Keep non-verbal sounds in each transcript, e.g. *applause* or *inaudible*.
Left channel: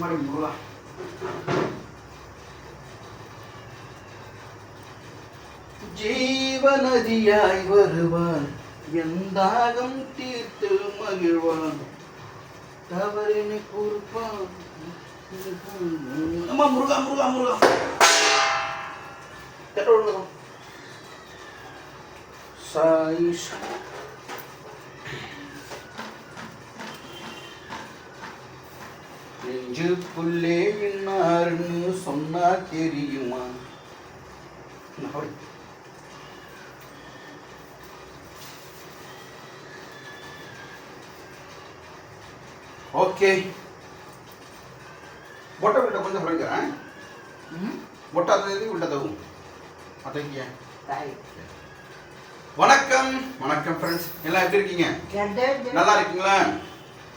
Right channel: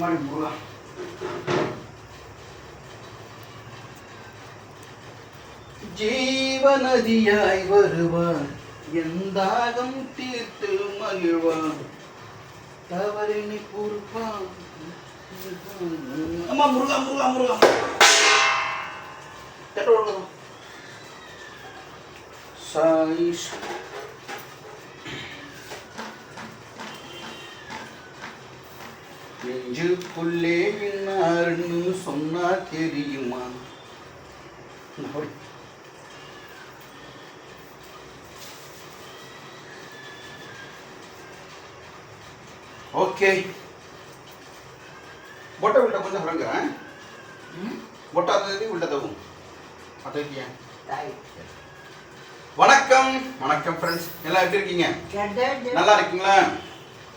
மாதிரி முருகா ஜீவநதியாய் வருவான். எந்தாகம் தீர்த்து மகிழ்வான். தவறினை பொறுப்பான் அம்மா முருகா முருகா முருகா. கெட்ட விடுவோம் சாய் நெஞ்சுக்குள்ளே இன்னார்னு சொன்னா தெரியுமா? ஓகே. பொட்டை விட்ட கொஞ்சம் விளங்குறேன் பொட்டை விட்டதவு அதே வணக்கம். வணக்கம் ஃப்ரெண்ட்ஸ் எல்லாம் எப்படி இருக்கீங்க? நல்லா இருக்கீங்களா?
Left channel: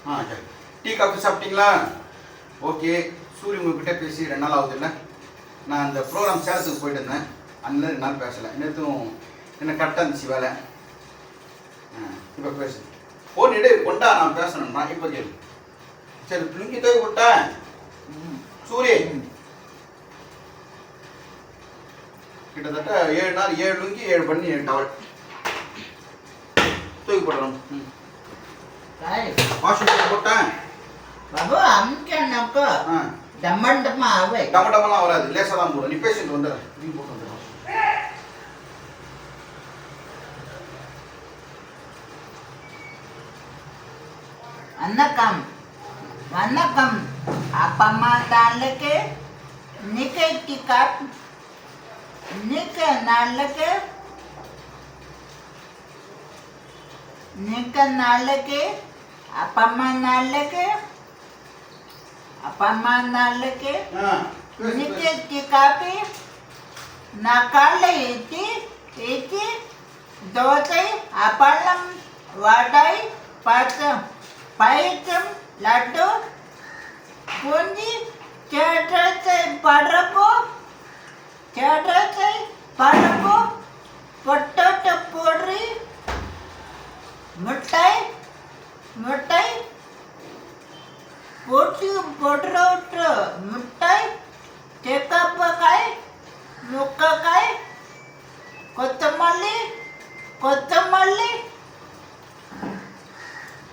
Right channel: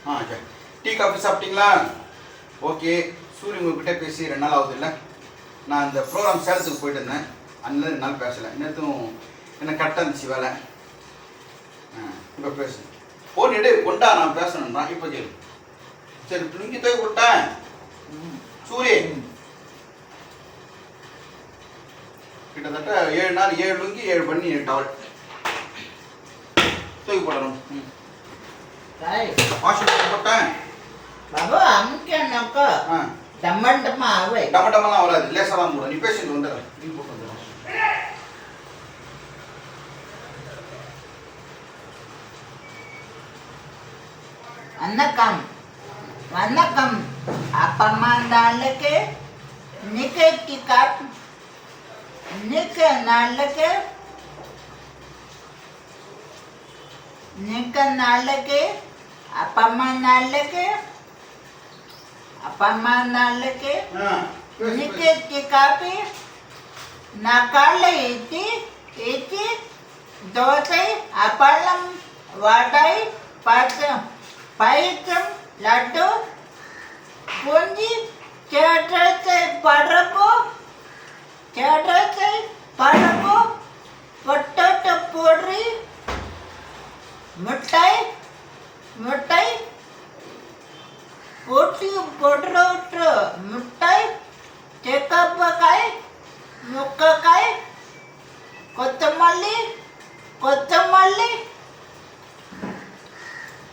ஆ சரி. டீ காஃபி சாப்பிட்டீங்களா? ஓகே சூரிய உங்ககிட்ட பேசி ரெண்டு நாள் ஆகுது இல்லை? நான் இந்த ப்ரோக்ராம் சேலத்துக்கு போயிட்டு இருந்தேன். அண்ணன் ரெண்டு நாள் பேசலை. நேற்றும் என்ன கரெக்டாக இருந்துச்சு வேலை? இப்போ பேசு. ஃபோன் எடு கொண்டா நான் பேசணும்னா இப்போ கேளு. சரி லுங்கி தூக்கி கொட்டா சூரிய. கிட்டத்தட்ட ஏழு நாள் ஏழு லுங்கி ஏழு பண்ணி டவல் தூக்கி போடணும் ம். வாஷிங் போட்டேன். బాబు అమ్మకి అన్నాక దమ్మంటమ్మా అవే డమ్మటమ్మలా వరాదు లేసరా మూడు నీ పేషెంట్ ఉండదు దీని పోతుంది வணக்கம் வணக்கம் அப்பம்மா நாளுக்கு நிகைக்கு காட் நிக்க நாளுக்கு நிக்க நாளுக்கு அப்பம்மா நாளுக்கு పమ్మానాళ్ళకి నికెత్తి కాపి నా కాళ్ళ ఎత్తి ఎత్తి దోసై అపళ్ళం వాటాయి పాత్రం పైత్రం లడ్డు పొంది చేటై పడపు చేటై పడపు మిఠాయి చెక్కప్పకాయ ముక్కకాయ కొత్తమల్లి కొత్తమల్లి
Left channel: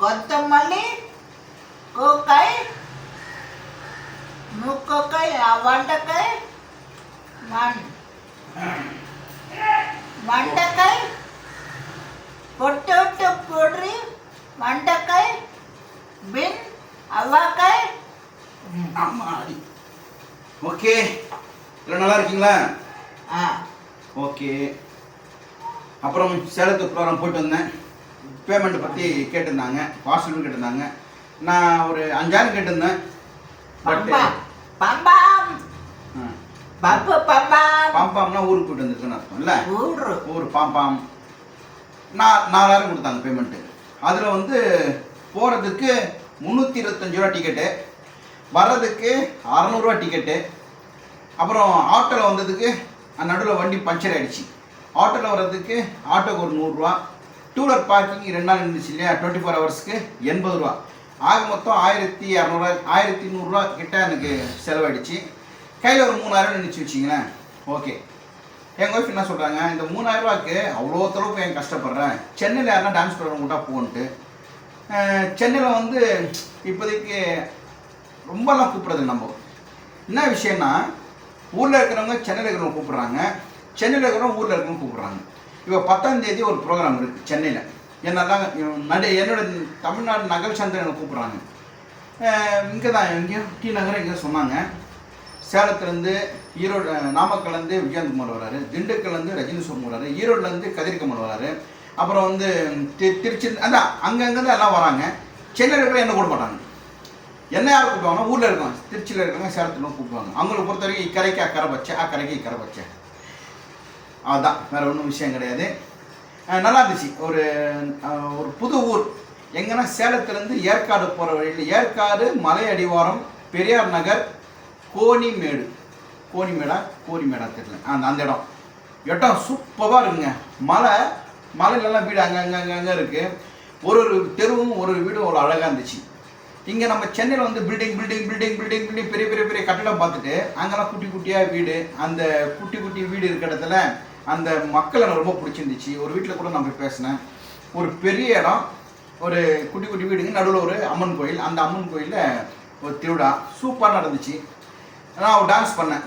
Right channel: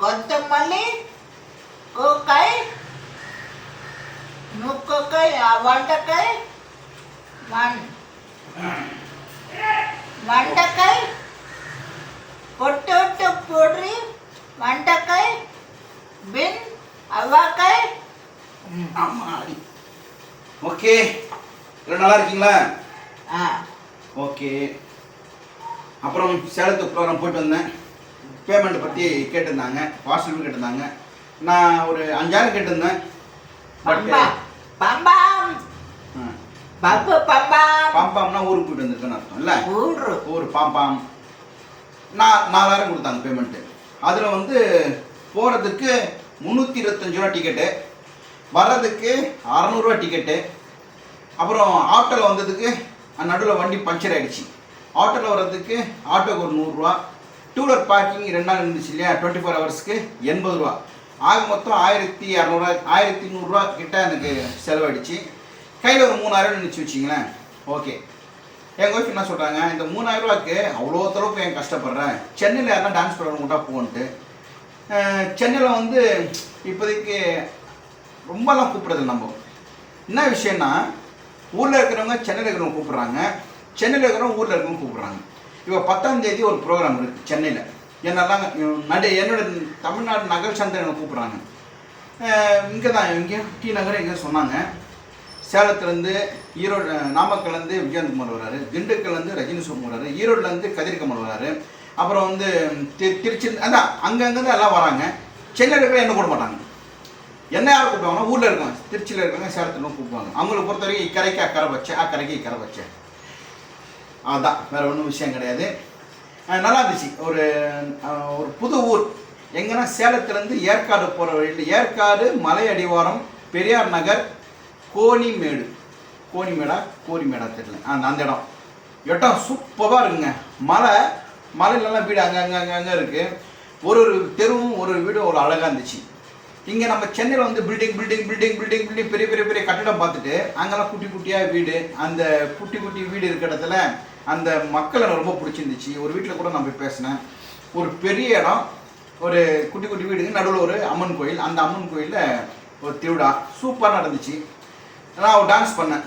కొత్తమల్లి కోకాయ ముక్కకాయ వంటకాయ వన్ వంటకాయ పొట్టొట్టు పొడి వంటకాయ బిన్ అవ్వకాయ அம்மாடி. ஓகே. எல்லாம் நல்லா இருக்கீங்களா? ஆ. ஓகே. அப்புறம் சேலத்து ப்ரோக்ராம் போயிட்டு வந்தேன். பேமெண்ட் பற்றி கேட்டிருந்தாங்க. வாட்ஸ்அப்பில் கேட்டிருந்தாங்க. நான் ஒரு அஞ்சாயிரம் கேட்டிருந்தேன். பாம்பாம்னா ஊருக்கு போயிட்டு வந்திருக்கேன்னு அர்த்தம் இல்லை? ஊர். பாம்பாம். நான் நாலாயிரம் கொடுத்தாங்க பேமெண்ட்டு அதில் வந்து போகிறதுக்கு முந்நூற்றி இருபத்தஞ்சு ரூபா டிக்கெட்டு வர்றதுக்கு அறநூறுவா டிக்கெட்டு அப்புறம் ஆட்டோவில் வந்ததுக்கு நடுவில் வண்டி பஞ்சர் ஆகிடுச்சு ஆட்டோவில் வர்றதுக்கு ஆட்டோக்கு ஒரு நூறுரூவா. டூலர் பார்க்கிங் ரெண்டு நாள் இருந்துச்சு இல்லையா? டுவெண்ட்டி ஃபோர் ஹவர்ஸ்க்கு எண்பது ரூபா. ஆக மொத்தம் ஆயிரத்தி இரநூறுவா ஆயிரத்தி நூறுரூவா கிட்ட எனக்கு செலவாயிடுச்சு. கையில் ஒரு மூணாயிரம் நினச்சி வச்சிங்களேன் ஓகே எங்கள் ஒய்ஃப் என்ன சொல்கிறாங்க இந்த மூணாயிரரூவாக்கு ரூபாய்க்கு அவ்வளோ தளவுக்கு என் கஷ்டப்படுறேன்? சென்னையில் யாருன்னா டான்ஸ் ப்ரோக்ராம் கூட போன்ட்டு. சென்னையில் வந்து இப்போதைக்கு ரொம்பலாம் கூப்பிட்றது நம்ம. என்ன விஷயம்னா ஊரில் இருக்கிறவங்க சென்னையில் இருக்கிறவங்க கூப்பிட்றாங்க. சென்னையில் இருக்கிறவங்க ஊரில் இருக்கிறவங்க கூப்பிட்றாங்க. இப்போ பத்தாம் தேதி ஒரு ப்ரோக்ராம் இருக்குது சென்னையில். என்னெல்லாம் நடு என்னோட தமிழ்நாடு நகர் சந்திரனை கூப்பிட்றாங்க. இங்கே தான் இங்கே டி நகர் இங்கே சொன்னாங்க. சேலத்துலேருந்து ஈரோடு நாமக்கல்லேருந்து விஜயகுமார் வராரு திண்டுக்கல்லேருந்து ரஜினி சோமன் வராரு ஈரோட்லேருந்து கதிர்கமல் வராரு அப்புறம் வந்து தி- திருச்சி அதான் அங்கங்கே எல்லாம் வராங்க. சென்னையில் இருக்கிற என்ன கூட மாட்டாங்க? என்ன யார் கூப்பிடுவாங்கன்னா ஊரில் இருக்காங்க திருச்சியில் இருக்காங்க சேலத்தில் கூப்பிடுவாங்க. அவங்களை பொறுத்த வரைக்கும் இக்கரைக்கு அக்கறை வச்சேன் அக்கறைக்கு இக்கரை வச்சேன் அதுதான் வேற ஒன்றும் விஷயம் கிடையாது. நல்லா இருந்துச்சு. ஒரு ஒரு புது ஊர். எங்கன்னா சேலத்துலேருந்து ஏற்காடு போகிற வழியில் ஏற்காடு மலை அடிவாரம் பெரியார் நகர் கோணிமேடு. கோணிமேடா கோரிமேடா தெரியல. ஆ அந்த இடம். இடம் சூப்பராக இருக்குங்க. மலை மலையிலலாம் வீடு அங்கே அங்கே அங்கே அங்கே இருக்குது ஒரு ஒரு தெருவும் ஒரு ஒரு வீடும் ஒரு அழகாக இருந்துச்சு. இங்கே நம்ம சென்னையில் வந்து building building building building building பெரிய பெரிய பெரிய கட்டிடம் பார்த்துட்டு அங்கெல்லாம் குட்டி குட்டியாக வீடு அந்த குட்டி குட்டி வீடு இருக்கிற இடத்துல அந்த மக்கள் எனக்கு ரொம்ப பிடிச்சிருந்துச்சு. ஒரு வீட்டில் கூட நான் போய் பேசினேன். ஒரு பெரிய இடம் ஒரு குட்டி குட்டி வீடுங்க நடுவில் ஒரு அம்மன் கோயில். அந்த அம்மன் கோயிலில் ஒரு திருவிழா. சூப்பராக நடந்துச்சு. நான் ஒரு டான்ஸ் பண்ணேன்.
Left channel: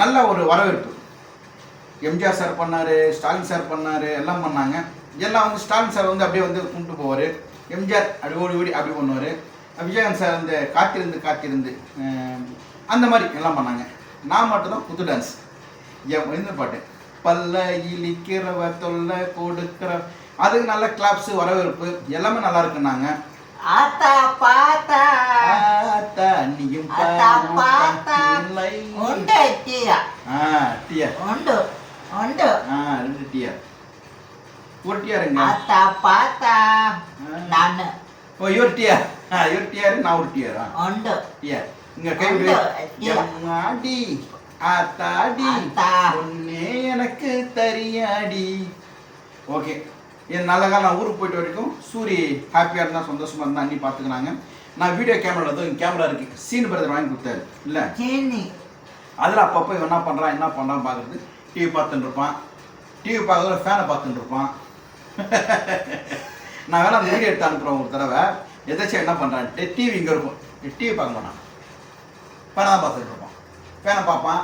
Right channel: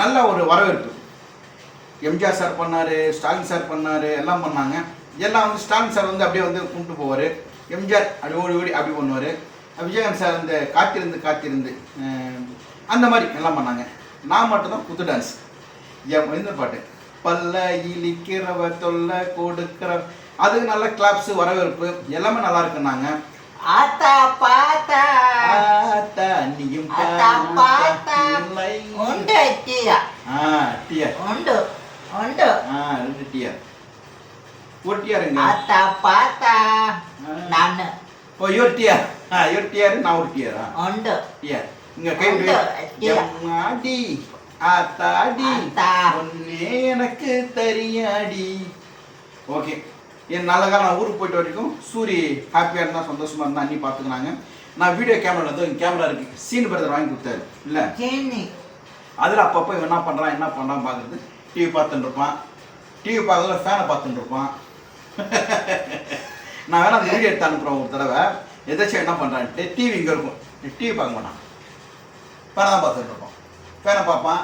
நல்ல ஒரு வரவேற்பு. எம்ஜிஆர் சார் பண்ணார் ஸ்டாலின் சார் பண்ணார் எல்லாம் பண்ணாங்க. எல்லாம் வந்து ஸ்டாலின் சார் வந்து அப்படியே வந்து கும்பிட்டு போவார். எம்ஜிஆர் அப்படி ஓடி ஓடி அப்படி பண்ணுவார். விஜயகாந்த் சார் வந்து காத்திருந்து காத்திருந்து அந்த மாதிரி எல்லாம் பண்ணாங்க. நான் மட்டும்தான் குத்து டான்ஸ் என் இந்த பாட்டு பல்ல இழிக்கிறவ தொல்லை கொடுக்கிற அதுக்கு நல்ல கிளாப்ஸ் வரவேற்பு எல்லாமே நல்லா இருக்குன்னாங்க. ஆத்தா பாத்தா. ஆத்தா, நீயும் ஆத்தா பாத்தா. உண்டு டீயா? ஆ டீயா? உண்டு உண்டு. ஆ ரெண்டு டீயா? ஒரு டிஆர் எங்க ஆத்தா பாத்தா. நானு. ஓ ஆ இவர் டிஆர் நான் ஒரு டிஆரா? உண்டு டிஆர். இங்க கை உண்டு, TR. எம்மாடி ஆத்தாடி ஆத்தா. ஒன்னே எனக்கு தெரியாடி. ஓகே. என் நல்ல காலம் நான் ஊருக்கு போயிட்டு வரைக்கும் சூரி ஹாப்பியாக இருந்தால் சந்தோஷமாக இருந்தால் அண்ணி பார்த்துக்கினாங்க நான் வீடியோ கேமரா வந்து கேமரா இருக்கு. சீன் பிரதர் வாங்கி கொடுத்தாரு. இல்லை? அதில் அப்பப்போ இவன் என்ன பண்ணுறான் என்ன பண்ணுறான் பார்க்குறது டிவி பார்த்துட்டு இருப்பான். டிவி பார்க்கறதுல ஃபேனை பார்த்துட்டு இருப்பான். *laughs* நான் வேணா அந்த வீடியோ எடுத்து அனுப்புகிறேன் ஒரு தடவை. எதாச்சும் என்ன பண்ணுறான்ட்டு டிவி இங்கே இருக்கும். டிவி பார்க்க மாட்டான். பேனா பார்த்துட்டு இருப்பான். ஃபேனை பார்ப்பான்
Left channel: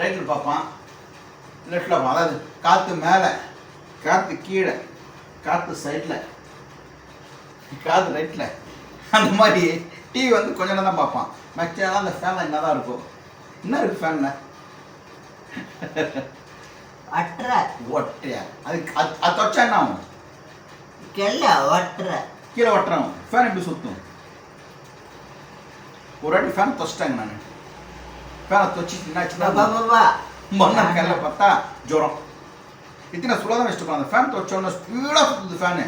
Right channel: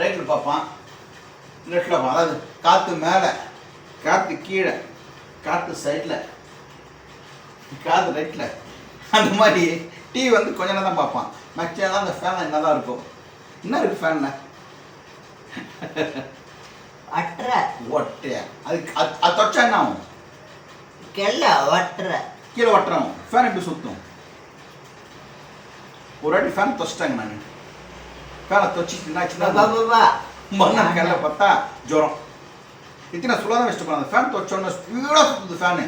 ரைட்டில் பார்ப்பான் லெஃப்டில் பார்ப்பான். அதாவது காற்று மேலே காற்று கீழே காற்று சைடில் காற்று ரைட்டில் அந்த மாதிரி டிவி வந்து கொஞ்ச நேரம் தான் பார்ப்பான். மேக்ஸிமம் அந்த ஃபேனில் என்ன தான் இருக்கும்? என்ன இருக்குது ஃபேனில் ஒட்டுற *laughs* ஒட்டு அதுக்கு அது அது தொச்சா என்ன ஆகும்? கெல்ல ஒட்டுற கீழே ஒட்டுறான் ஃபேன் எப்படி சுற்றும் ஒரு வாட்டி ஃபேன் தொச்சிட்டாங்க நான். ஃபேனை பாபா மறுநாள் காலையில பார்த்தா ஜுரம். இத்தனை சுலாக தான் வச்சுட்டு அந்த ஃபேன் தொச்சோன்னு ஸ்பீடாக சுற்றுது ஃபேனு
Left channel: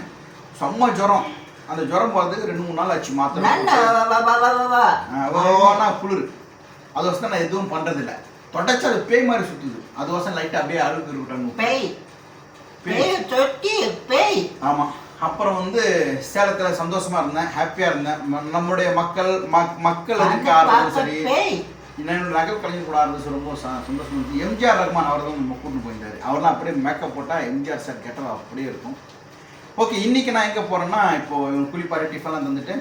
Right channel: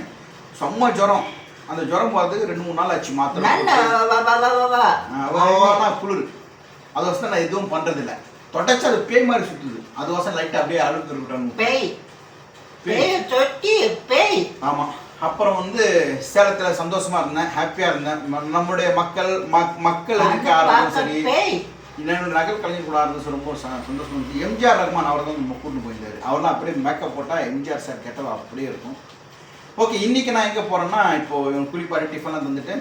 செம்ம ஜுரம். அந்த ஜுரம் போகிறதுக்கு ரெண்டு மூணு நாள் ஆச்சு மாத்திரை. நன்ன போட்டு. பாபா பாபா அவ்வளோனா குளிர். அது வசம் நான் எதுவும் பண்ணுறதில்ல தொடச்சா அது பேய் மாதிரி சுற்றுது அது வசம் லைட்டாக அப்படியே அழுக்கு இருக்கட்டும் பேய். பேய். தொட்டி பேய். ஆமாம் அப்புறம் வந்து சேலத்தில் சந்தோஷமா இருந்தேன் ஹாப்பியாக இருந்தேன். நம்முடைய மக்கள் மக் மக்கள் பார்க்க சரி. என்னோட நகல் கலைஞர் கூட ஆரம்பிச்சு ரொம்ப சந்தோஷமா இருந்துச்சு எம்ஜிஆர் ரஹ்மான் அவர் தான் நம்ம கூட்டு போயிருந்தாரு. அவர்லாம் அப்படியே மேக்கப் போட்டால் எம்ஜிஆர் சார் கேட்டது அப்படியே இருக்கும். ஓகே இன்னைக்கு நான் எங்கே போகிறேன்னா இப்போ இவங்க குளிப்பாடி டிஃபன்லாம் தந்துட்டு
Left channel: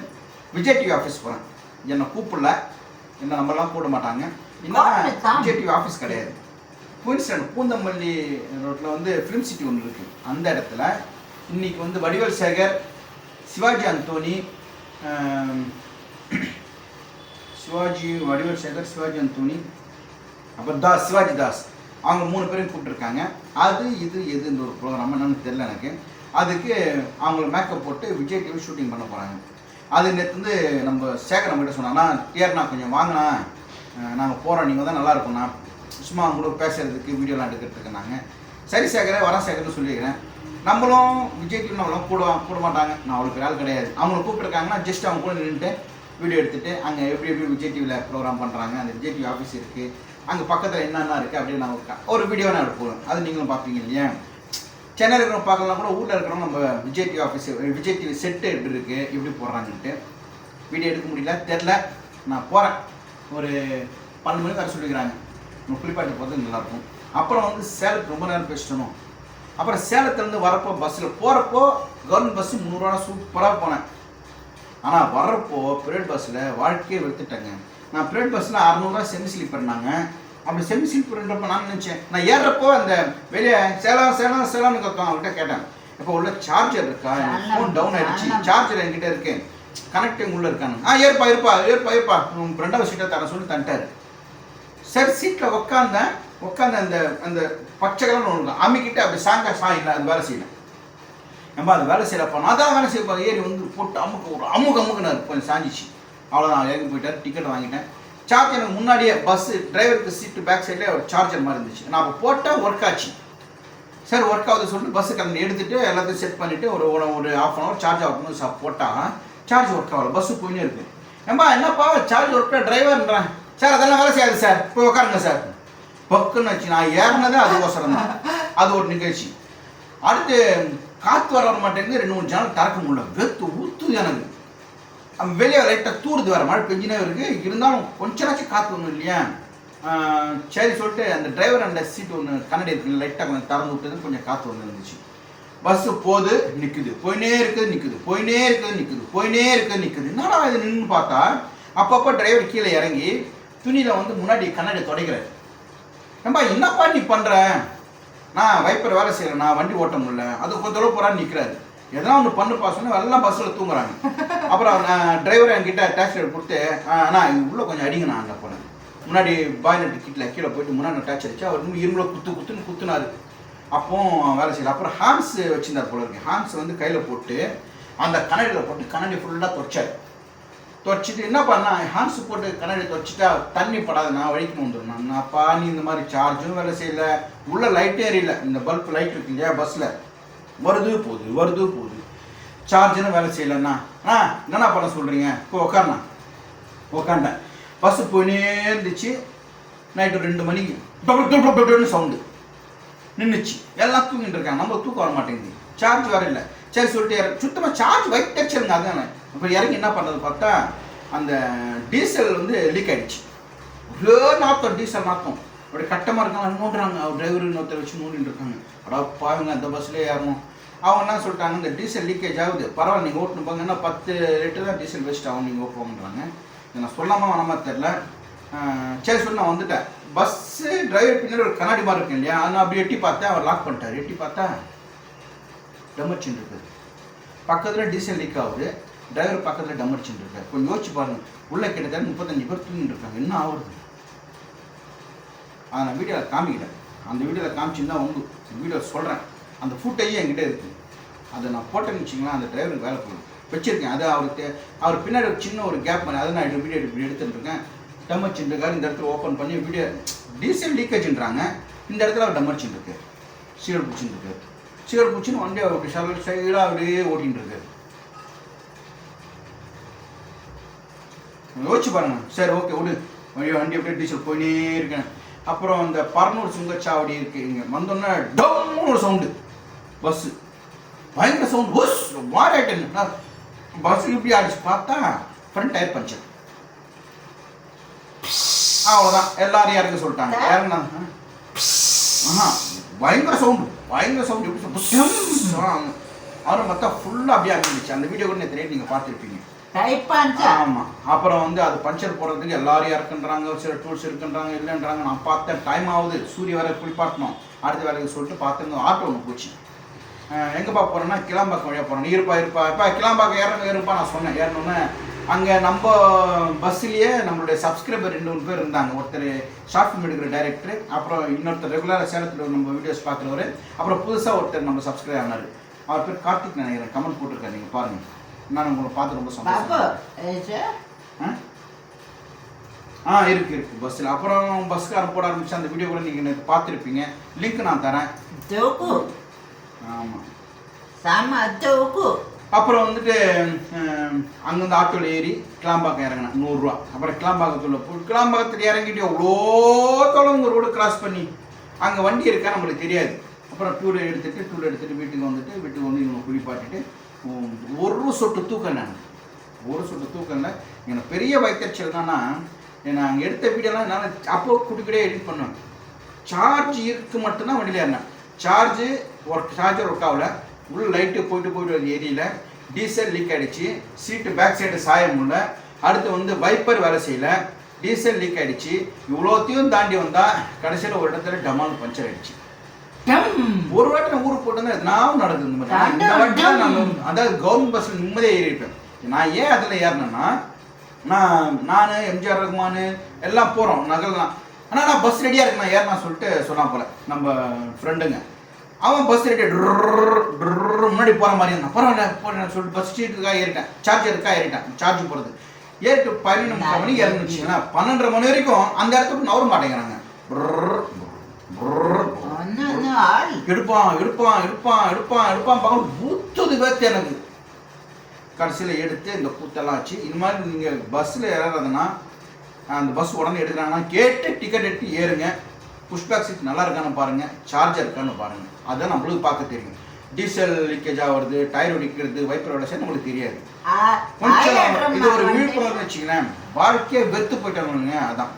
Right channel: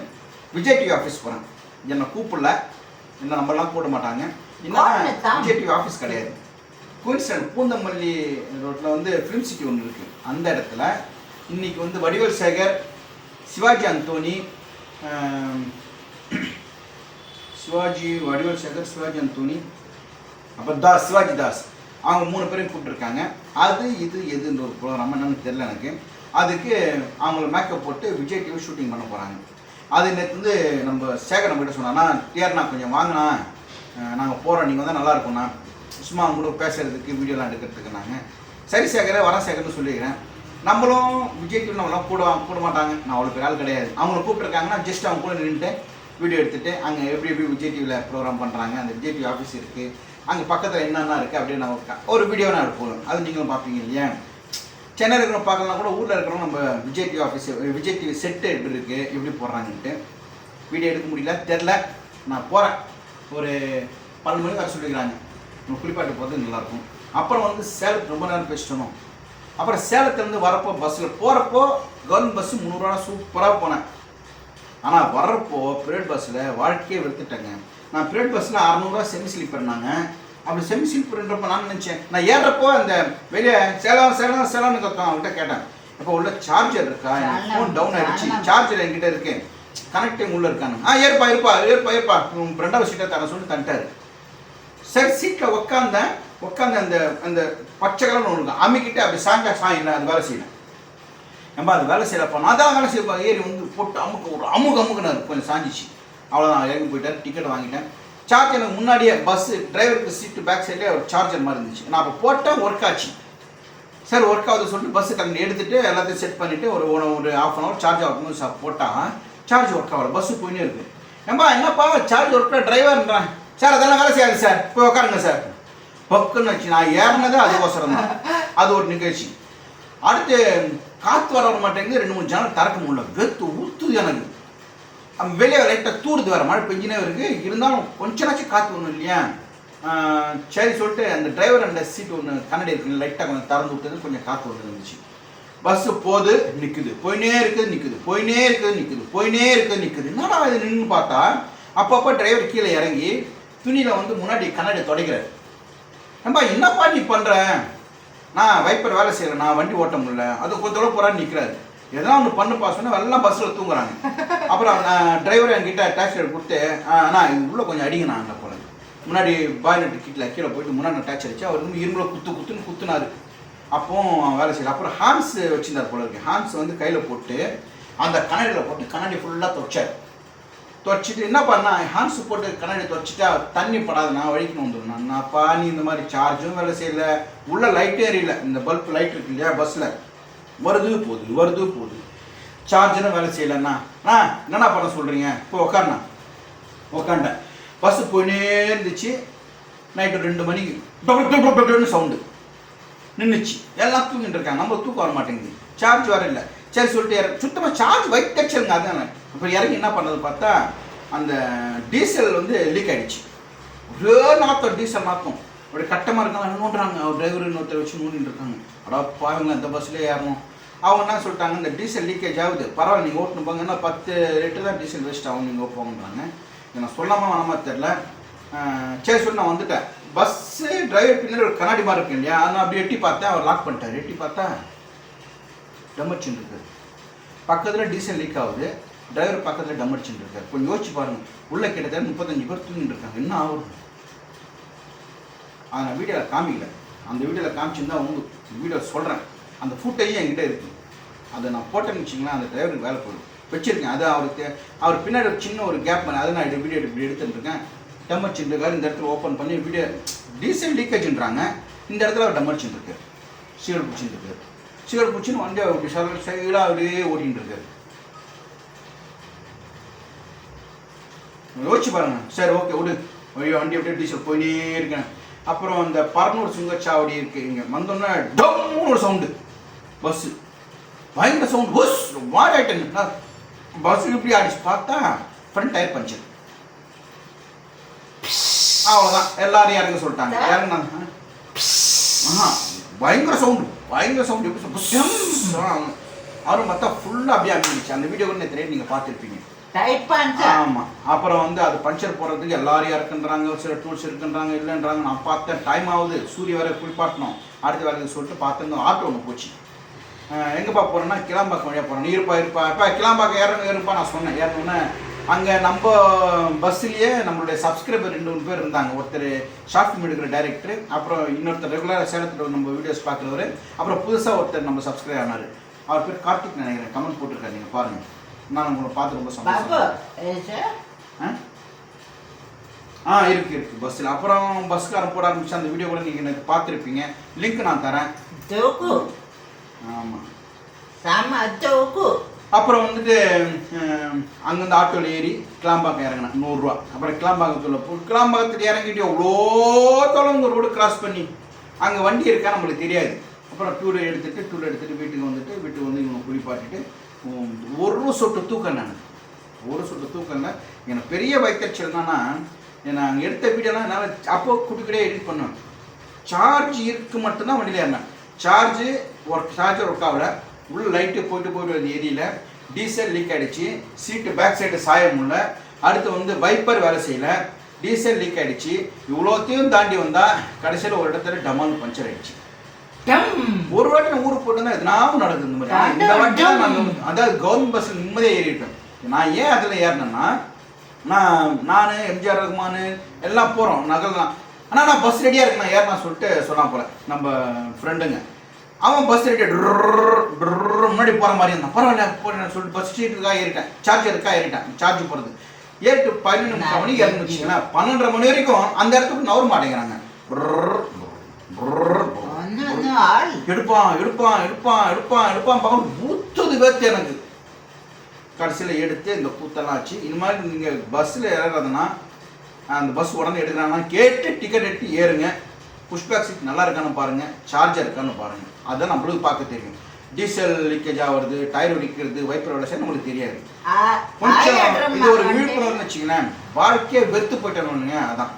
விஜய் டிவி ஆஃபீஸ் போகிறேன் என்னை கூப்பிடல. என்ன நம்மலாம் கூட மாட்டாங்க. என்னன்னா கூப்பிடத்தான். விஜய் டிவி ஆஃபீஸ் கிடையாது. குயின்ஸ்டன் பூந்தமல்லி ரோட்டில் வந்து ஃபிலிம் சிட்டி ஒன்று இருக்குது அந்த இடத்துல இன்னைக்கு வந்து வடிவேல் சேகர் சிவாஜி அந்தோனி சிவாஜி வடிவேல் சேகர் சிவாஜி அந்தோனி அப்புறம் தாஸ் சிவாஜி தாஸ். அவங்க மூணு பேரையும் கூப்பிட்டுருக்காங்க. அது இது எதுன்ற ஒரு ப்ரோக்ராம் என்னன்னு தெரியல எனக்கு. அதுக்கு அவங்கள மேக்கப் போட்டு விஜய் டிவி ஷூட்டிங் பண்ண போகிறாங்க அது நேற்று வந்து நம்ம சேகர் நம்மகிட்ட சொன்னான்னா டிஆர் கொஞ்சம் வாங்கினா நாங்கள் போகிறோம் நீங்கள் தான் நல்லா இருக்கும்ண்ணா. சும்மா அவங்க கூட பேசுறதுக்கு வீடியோலாம் எடுக்கிறதுக்கு நாங்கள் சரி சேகரே வரேன் சேகர்னு சொல்லிக்கிறேன். நம்மளும் விஜய் டிவி நம்மளும் கூட கூட மாட்டாங்க நான் அவ்வளோ பெரிய ஆள் கிடையாது. அவங்கள கூப்பிட்டுருக்காங்கன்னா ஜஸ்ட் அவங்க கூட நின்றுட்டு வீடியோ எடுத்துட்டு அங்கே எப்படி எப்படி விஜய் டிவியில் ப்ரோக்ராம் பண்ணுறாங்க அந்த விஜய் டிவி ஆஃபீஸ் இருக்குது அங்கே பக்கத்தில் என்னென்ன இருக்குது அப்படின்னு நம்ம ஒரு வீடியோ நான் எடுப்போம் அது நீங்களும் பார்ப்பீங்க இல்லையா? சென்னையில் இருக்கிறவங்க பார்க்கலாம் கூட ஊரில் இருக்கிறவங்க நம்ம Vijay TV office Vijay TV set எப்படி இருக்குது எப்படி போடுறாங்கன்ட்டு வீடியோ எடுக்க முடியல தெரில நான் போகிறேன் ஒரு பன்னெண்டு மணிக்கு வர சொல்லிக்கிறாங்க நம்ம குளிப்பாட்டு போகிறது நல்லாயிருக்கும் அப்புறம் வந்து சேலத்துக்கு ரொம்ப நேரம் பேசணும் அப்புறம் சேலத்துலேருந்து வரப்போ பஸ்ஸில் போகிறப்போ கவர்மெண்ட் பஸ்ஸு முந்நூறுரூவா சூப்பராக போனேன். ஆனால் வர்றப்போ பிரைவேட் பஸ்ஸில் வாழ்க்கையே வெறுத்துட்டேங்க. நான் பிரைவேட் பஸ்ஸில் அறநூறுவா செமி ஸ்லீப்பர்னாங்க அப்படி செமி ஸ்லீப்பர்ன்றப்ப நான் நினச்சேன்? நான் ஏறுறப்போ அந்த வெளியே சேலம் சேலம் சேலம்னு கேட்கும் அவங்ககிட்ட கேட்டேன். இப்போ உள்ள சார்ஜர் இருக்கா? எனக்கு ஃபோன் டவுன் ஆயிடுச்சு. சேலம். சார்ஜர் என்கிட்ட இருக்கு. கனெக்டிங் உள்ள இருக்காங்க. ஆ ஏற்பா இருப்பா ஏற்பா ஏற்பா உங்க ரெண்டாவது சீட்டை தர சொல்லி தந்துட்டாரு. சரி சீட்டில் உட்காந்தேன் உட்காந்து அந்த அந்த பச்சை கலர்னு ஒன்று அமுக்கிட்டு அப்படி சாஞ்சா சாயில அது வேலை செய்யணும். நம்ம அது வேலை செய்யறப்ப நான் தான் வேலை செய்யப்பா ஏறி வந்து போட்டு அமுக்க ஒரு அமுக்கு அமுக்குனாரு. கொஞ்சம் சாஞ்சிச்சு. அவ்வளோதான் இறங்கி போயிட்டார் டிக்கெட் வாங்கிட்டேன் சார்ஜ் எனக்கு முன்னாடியே பஸ்ஸு டிரைவருக்கு சீட்டு பேக் சைடில் ஒரு சார்ஜர் மாதிரி இருந்துச்சு. நான் அப்போ போட்டேன் ஒர்க் ஆச்சு. சார் ஒர்க் ஆகுது சொல்லிட்டு பஸ்ஸு கிளம்பி எடுத்துகிட்டு எல்லாத்தையும் செட் பண்ணிவிட்டு ஒரு ஒரு ஒரு ஆஃப் அன் ஹவர் சார்ஜ் ஆகணும் சார் போட்டால் சார்ஜ் ஒர்க் ஆகல. பஸ்ஸு போயினே இருக்குது நம்ம என்னப்பா சார்ஜ் ஒர்க் டிரைவர்ன்றேன் சார் அதெல்லாம் வேலை செய்யாது சார். போய் உட்காருங்க சார். பக்குன்னு வச்சு நான் ஏறினதே அதுக்கோசரம் தான். அது ஒரு நிகழ்ச்சி. அடுத்து காற்று வர வர மாட்டேங்குது. ரெண்டு மூணு ஜன்னல் திறக்க முடியல. வெத்து ஊத்து எனக்கு. வெளியே லைட்டாக தூருது வேறு மழை பெஞ்சினே இருக்கு. இருந்தாலும் கொஞ்சமாச்சும் காற்று வரணும் இல்லையா? சரி சொல்லிட்டு அந்த டிரைவர் அந்த சீட் ஒன்று கண்ணாடி இருக்குங்க லைட்டாக கொஞ்சம் திறந்து விட்டது கொஞ்சம் காற்று ஒன்று இருந்துச்சு. பஸ்ஸு போகுது நிற்குது போயினே இருக்குது நிற்குது போயினே இருக்குது நிற்குது போயினே இருக்குது நிற்குது என்னடா இது நின்று பார்த்தா? அப்பப்போ டிரைவர் கீழே இறங்கி துணியில் வந்து முன்னாடி கண்ணாடி துடைக்கிறார். ஏம்பா என்னப்பா நீ பண்ணுற நான் வைப்பர் வேலை செய்கிறேன் நான் வண்டி ஓட்ட முடியல. அது கொஞ்ச தூரம் போகிறான்னு நிற்கிறாரு எதனா ஒன்று பண்ணுப்பா சொன்னால் எல்லாம் பஸ்ஸில் தூங்குறாங்க. அப்புறம் நான் டிரைவர் என்கிட்ட டாக்ஸி கொடுத்து அண்ணா இது உள்ளே கொஞ்சம் அடிங்க நான் அங்கே போனேன் முன்னாடி பாய்லெட் கீட்டில் கீழே போயிட்டு முன்னாடி டாக்ஸி அடிச்சு அவர் இன்னும் இரும்புல குத்து குத்துன்னு குத்துனாரு. அப்போ வேலை செய்யல. அப்புறம் ஹான்ஸ் வச்சிருந்தார் போல இருக்கு. ஹான்ஸ் வந்து கையில் போட்டு அந்த கண்ணாடியில் போட்டு கண்ணாடி ஃபுல்லாக துவைச்சார் துவைச்சிட்டு என்ன பண்ணா ஹான்ஸ் போட்டு கண்ணாடி துவைச்சிட்டா தண்ணி படாது நான் வழிக்கு வந்துடும் நான்ப்பா நீ இந்த மாதிரி சார்ஜும் வேலை செய்யல. உள்ள லைட்டே எரியல. இந்த பல்ப் லைட் இருக்கு இல்லையா பஸ்ஸில் வருது போகுது வருது போகுது. சார்ஜரும் வேலை செய்யலண்ணா அண்ணா என்னண்ணா பண்ண சொல்கிறீங்க இப்போ உக்காண்ணா உக்காண்டேன் பஸ்ஸு போயினே இருந்துச்சு. நைட்டு ரெண்டு மணிக்கு. டொபு சவுண்டு நின்றுச்சு எல்லாம் தூங்கிட்டு இருக்காங்க. நம்ம தூக்கம் வர மாட்டேங்குது. சார்ஜ் வர இல்லை. சரி சொல்லிட்டு சுத்தமாக சார்ஜ் வைத்தச்சுங்க அதான் இப்போ இறங்கி என்ன பண்ணது பார்த்தா அந்த டீசல் வந்து லீக் ஆகிடுச்சு ஒரே நாத்தம் டீசல் நாத்தம். அப்படியே கட்டமாக இருக்காங்க நோண்டுறாங்க. அவர் டிரைவர் இன்னொருத்தர் வச்சு நோண்டிட்டு இருக்காங்க. அடா பாவங்க அந்த பஸ்லேயே ஏறணும். அவங்க என்ன சொல்லிட்டாங்க இந்த டீசல் லீக்கேஜ் ஆகுது. பரவாயில்ல நீங்கள் ஓட்டணும் போங்க என்ன பத்து லிட்டர் தான் டீசல் வேஸ்ட் ஆகும் நீங்கள் போங்கன்றாங்க நான் சொல்லாமல் வேணாமா தெரில சரி சொல்லி நான் வந்துட்டேன். பஸ்ஸு டிரைவர் பின்னாடி ஒரு கண்ணாடி மாதிரி இருக்கு இல்லையா? அதை அப்படி எட்டி பார்த்தேன். அவர் லாக் பண்ணிட்டார். எட்டி பார்த்தா டெமர்ச்சின் இருக்குது. பக்கத்தில் டீசல் லீக் ஆகுது. டிரைவர் பக்கத்தில் டமர்ச்சின்னு இருக்காரு கொஞ்சம் யோசிச்சு பாருங்க. உள்ள கிட்டத்தட்ட முப்பத்தஞ்சு பேர் தூங்கிட்டு இருக்காங்க என்ன ஆகுது அதை நான் வீடியோவில் காமிக்கல. அந்த வீடியோவில் காமிச்சிருந்தா உண்டு. வீடியோ சொல்கிறேன் அந்த ஃபுட்டேஜும் என்கிட்ட இருக்குது அதை நான் போட்டேன்னு வச்சிங்களா அந்த டிரைவருக்கு வேலை போயிடும் வச்சிருக்கேன். அது அவருக்கு அவர் பின்னாடி ஒரு சின்ன ஒரு கேப் பண்ணி அதை நான் இது வீடியோ இப்படி எடுத்துட்டுருக்கேன். இருக்கேன் டம்மர்ச்சின் இந்த இடத்துல ஓப்பன் பண்ணி வீடியோ டீசல் லீக்கேஜ்ன்றாங்க இந்த இடத்துல அவர் டம்மர்ச்சின் இருக்கு சீவல் பிடிச்சின்னு இருக்கு சீவல் பிடிச்சின்னு வண்டி அப்படி சைடாக அப்படியே ஓட்டின்னு இருக்காரு யோசிச்சு பாருங்க. சரி ஓகே விடு. ஐயோ வண்டி அப்படியே டீசல் போயினே இருக்கேன். அப்புறம் இந்த பரனூர் சுங்கச்சாவடி இருக்கு. இங்கே வந்தோன்னே டம்னு ஒரு சவுண்டு பஸ்ஸு பயங்கர சவுண்ட் பஸ் மாடாயிட்டேன் பஸ் இப்படி அடிச்சு பார்த்தா ஃப்ரண்ட் டயர் பஞ்சர் அவ்வளோதான் எல்லாரும் இறங்க சொல்லிட்டாங்க. இறங்கினாங்க ஆஹா பயங்கர சவுண்டு பயங்கர சவுண்டு எப்படி அவரும் பார்த்தா ஃபுல்லாக அப்படியே அமைஞ்சிச்சு அந்த வீடியோ கூட தெரியும் நீங்கள் பார்த்துருப்பீங்க. ஆமாம் அப்புறம் வந்து அது பஞ்சர் போடுறதுக்கு எல்லாரும் இருக்குன்றாங்க சில டூல்ஸ் இருக்குன்றாங்க இல்லைன்றாங்க. நான் பார்த்தேன் டைம் ஆகுது. சூரிய வரை குளிப்பாட்டணும் அடுத்த வேலைக்கு சொல்லிட்டு பார்த்து ஆட்டோ ஒன்று போச்சு. எங்கேப்பா போகிறேன்னா கிளாம்பாக்கம் வழியாக போகிறேன் நீ இருப்பா. இருப்பா இப்போ கிளாம்பாக்கம் ஏறணும் ஏறுப்பா நான் சொன்னேன். ஏறணுன்னு அங்கே நம்ம பஸ்ஸுலேயே நம்மளுடைய சப்ஸ்கிரைபர் ரெண்டு மூணு பேர் இருந்தாங்க. ஒருத்தர் ஷார்ட் ஃபிலிம் எடுக்கிற டைரக்டர் அப்புறம் இன்னொருத்தர் ரெகுலராக சேலத்தில் நம்ம வீடியோஸ் பார்க்குறவர். அப்புறம் புதுசாக ஒருத்தர் நம்ம சப்ஸ்கிரைப் ஆனார். அவர் பேர் கார்த்திக் நினைக்கிறேன். கமெண்ட் போட்டிருக்காரு. நீங்கள் பாருங்கள் நான் உங்களை பார்த்து ரொம்ப சந்தோஷம் ஆ? ஆ இருக்கு இருக்கு. பஸ்ஸில் அப்புறம் பஸ்காரன் போட ஆரம்பிச்சு அந்த வீடியோ கூட நீங்கள் எனக்கு பார்த்துருப்பீங்க. லிங்க் நான் தரேன். ஆமாம் அப்புறம் வந்துட்டு அங்கேருந்து ஆட்டோவில் ஏறி கிளாம்பாக்கம் இறங்கினேன். நூறுரூவா. அப்புறம் கிளாம்பாக்கத்தில் கிளாம்பாக்கத்தில் இறங்கிட்டு எவ்வளோ தொலைவு ரோடு கிராஸ் பண்ணி? அங்கே வண்டி இருக்கா? நம்மளுக்கு தெரியாது. அப்புறம் டூர் எடுத்துட்டு டூர் எடுத்துட்டு வீட்டுக்கு வந்துட்டு வீட்டுக்கு வந்து இவங்க குளிப்பாட்டிட்டு ஒரு சொட்டு தூக்கம் நான் ஒரு சொட்டு தூக்கம் இல்லை எனக்கு பெரிய வைத்தறிச்சல் என்னன்னா நான் அங்கே எடுத்த வீடியோலாம் என்னால் அப்போ குட்டிக்கிட்டே எடிட் பண்ணேன். சார்ஜ் இருக்கு மட்டும்தான் வண்டியில் ஏறினேன். சார்ஜு ஒர்க் சார்ஜர் ஒர்க் ஆகல. உள்ள லைட்டு போயிட்டு போயிட்டு வருது ஏரியில் டீசல் லீக் ஆகிடுச்சு சீட்டு பேக் சைடு சாய முடியல. அடுத்து வந்து வைப்பர் வேலை செய்யல. டீசல் லீக் ஆகிடுச்சு இவ்வளோத்தையும் தாண்டி வந்தால் கடைசியில் ஒரு இடத்துல டமால் பஞ்சர் ஆகிடுச்சு ஒரு வாட்டி ஊருக்கு போட்டு எதனாவும் நடக்குது இந்த மாதிரி. இந்த வாட்டி நான் அதாவது கவர்மெண்ட் பஸ்ஸில் நிம்மதியாக ஏறிப்பேன் நான் ஏன் அதில் ஏறினேன்னா நான் நான் எம்ஜிஆர் ரகுமான் எல்லாம் போகிறோம் நகல்லாம். ஆனால் நான் பஸ் ரெடியாக இருக்கு நான் ஏறினா சொல்லிட்டு சொன்னா போல நம்ம ஃப்ரெண்டுங்க அவன் பஸ் ரெடி முன்னாடி போகிற மாதிரி இருந்தான் பரவாயில்ல போறேன் சொல்லிட்டு பஸ் சீட்டுக்காக ஏறிட்டேன் சார்ஜருக்காக ஏறிட்டேன் சார்ஜ் போகிறது ஏறிட்டு பதினொன்று முக்கால் மணிக்கு இறந்து வச்சுங்களேன் பன்னெண்டரை மணி வரைக்கும் அந்த இடத்துக்கு நவர மாட்டேங்கிறாங்க எடுப்பான் எடுப்பான் எடுப்பான் எடுப்பான் எடுப்பான். பார்க்க ஊத்துது பேத்து எனக்கு. கடைசியில் எடுத்து இந்த கூத்தெல்லாம் ஆச்சு இது மாதிரி நீங்கள் பஸ்ஸில் ஏறாதுன்னா அந்த பஸ் உடனே எடுக்கிறாங்கன்னா கேட்டு டிக்கெட் எடுத்து ஏறுங்க. புஷ்பேக் சீட் நல்லா இருக்கான்னு பாருங்கள் சார்ஜர் இருக்கான்னு பாருங்கள் அதுதான் நம்மளுக்கு பார்க்க தெரியும். டீசல் லீக்கேஜ் ஆகுறது டயர் வெடிக்கிறது வைப்பர் செய்ய நம்மளுக்கு தெரியாது. கொஞ்சம் இது ஒரு விழிப்புணர்வு வச்சுங்களேன் வாழ்க்கையை வெறுத்து போயிட்டாங்க அதான்.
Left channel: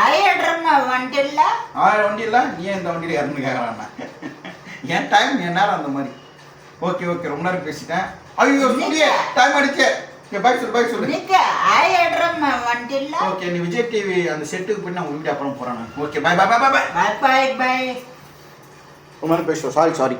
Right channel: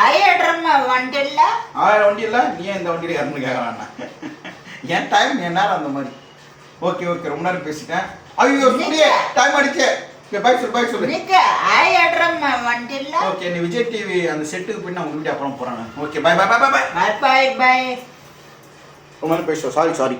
ஆயிரம் வண்டி இல்லை ஆயிரம் வண்டி இல்லை? நீ ஏன் இந்த வண்டியில் இறந்து கேட்க டைம் என் நேரம் அந்த மாதிரி. ஓகே ஓகே ரொம்ப நேரம் பேசிட்டேன். ஐயோ சூரிய டைம் அடிச்சு பாய் சொல்லு பாய் சொல்லு. நிக்க ஆயிரம் வண்டி இல்லை ஓகே நீ விஜய் டிவி அந்த செட்டுக்கு போய் நான் உங்க அப்புறம் போகிறேன் ஓகே பாய் பாய் பாய் பாய் பாய் பாய் பாய் ரொம்ப நேரம் பேசுகிறோம் சாரி சாரி